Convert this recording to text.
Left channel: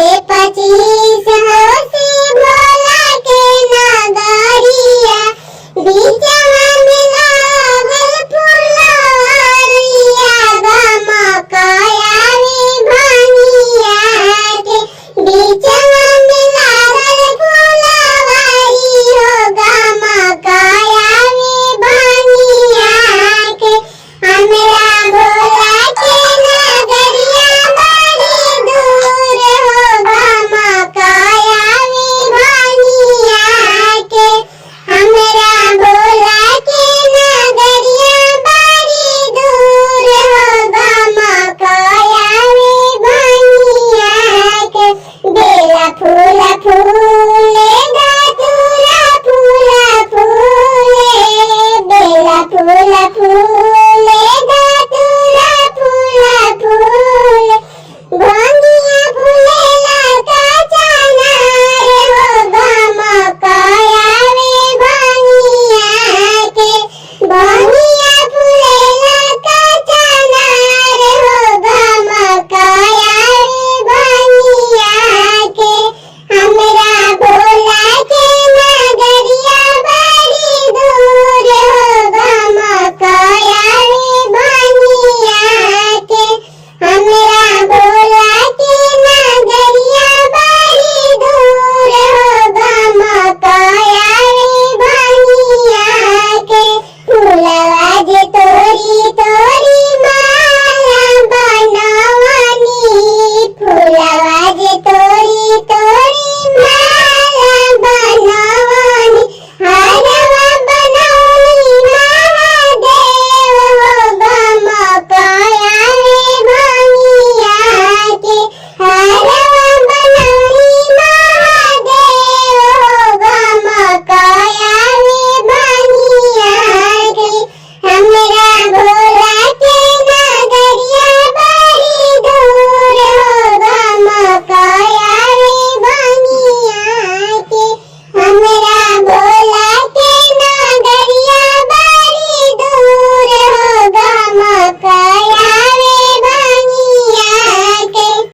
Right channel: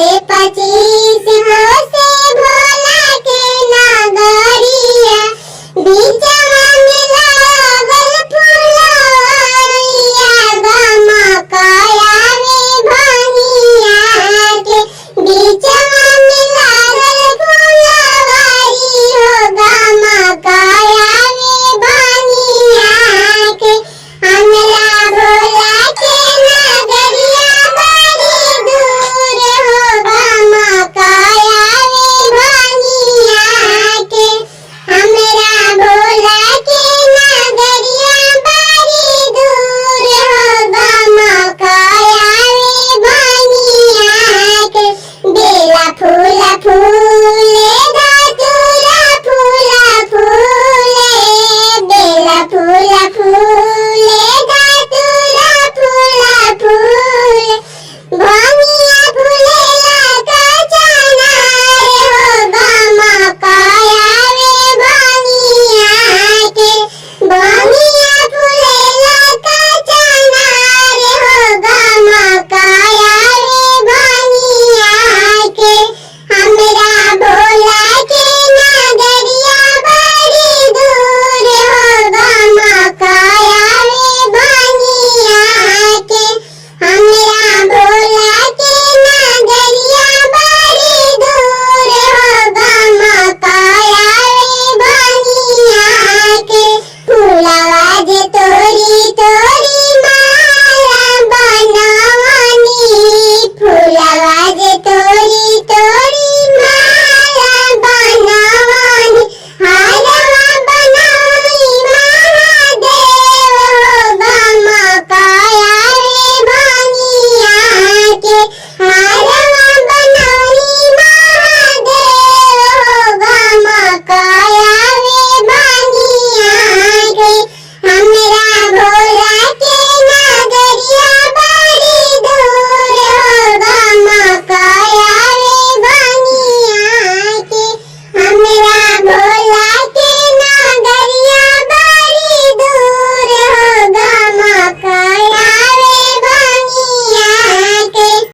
25 हो से भोला के नगरिया बीचवा में लागल फुलवरिया गमकया रे भनिया के बीचवा में लागल फुलवरी हो गमकया रे भनिया के हमरा भोला के नगरिया बड़ी दूर हो गमकया रे भनिया के हमरा भोला के नगरिया बड़ी दूर हो गमकया रे भनिया के बेला फूल फूल